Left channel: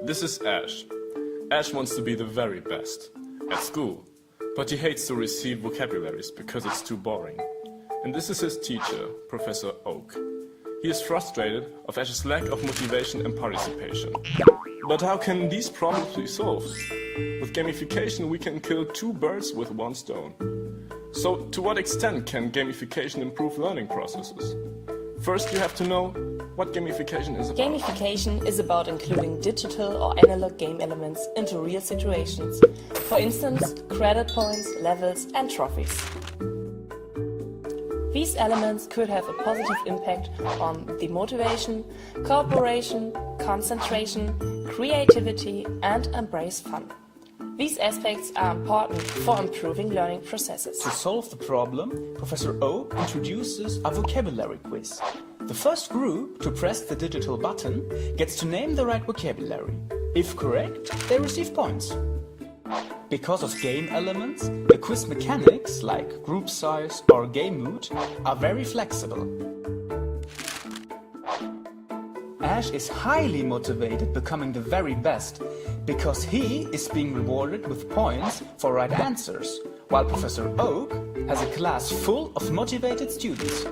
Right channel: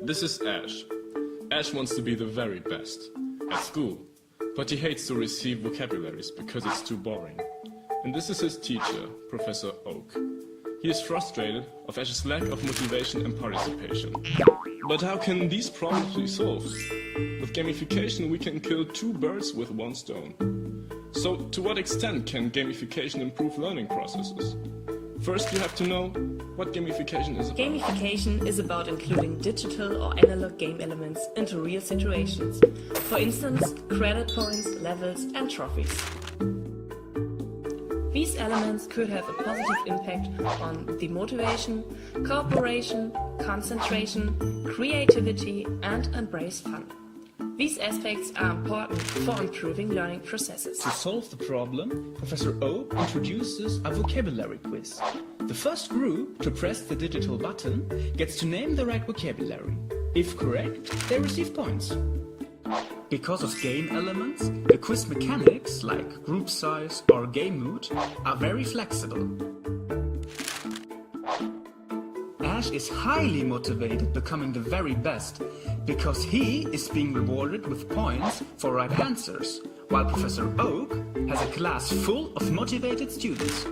This is Ash. Ash wants to be the very best at school, but he hates to receive vocabularies because it's too boring. And this is his teacher, Professor Oak. He is frustrated of Ash's lack of motivation and participation. But how can these problems be solved? With gamification we can kill two birds with one stone. So to what extent can gamification improve learning processes? First you have to know what gamification is about. Gamification is about including digital or analog game elements into real situations. For instance, credit points, levels and trophies. These elements could have a positive impact on the motivation, cooperation, concentration, creativity and embrace fun. These aspects are important for improving learning processes. To solve the problem, Professor Oak introduces a vocabulary quiz. The first group to press the digital button gets to name the right vocabulary. If correct, they receive points. Because of game elements, the quiz mechanics, like group size or game mood, are very flexible. Ash is highly motivated becoming the very best, because he is being rewarded with points for right answers, while Professor Oak has a class full of motivated students.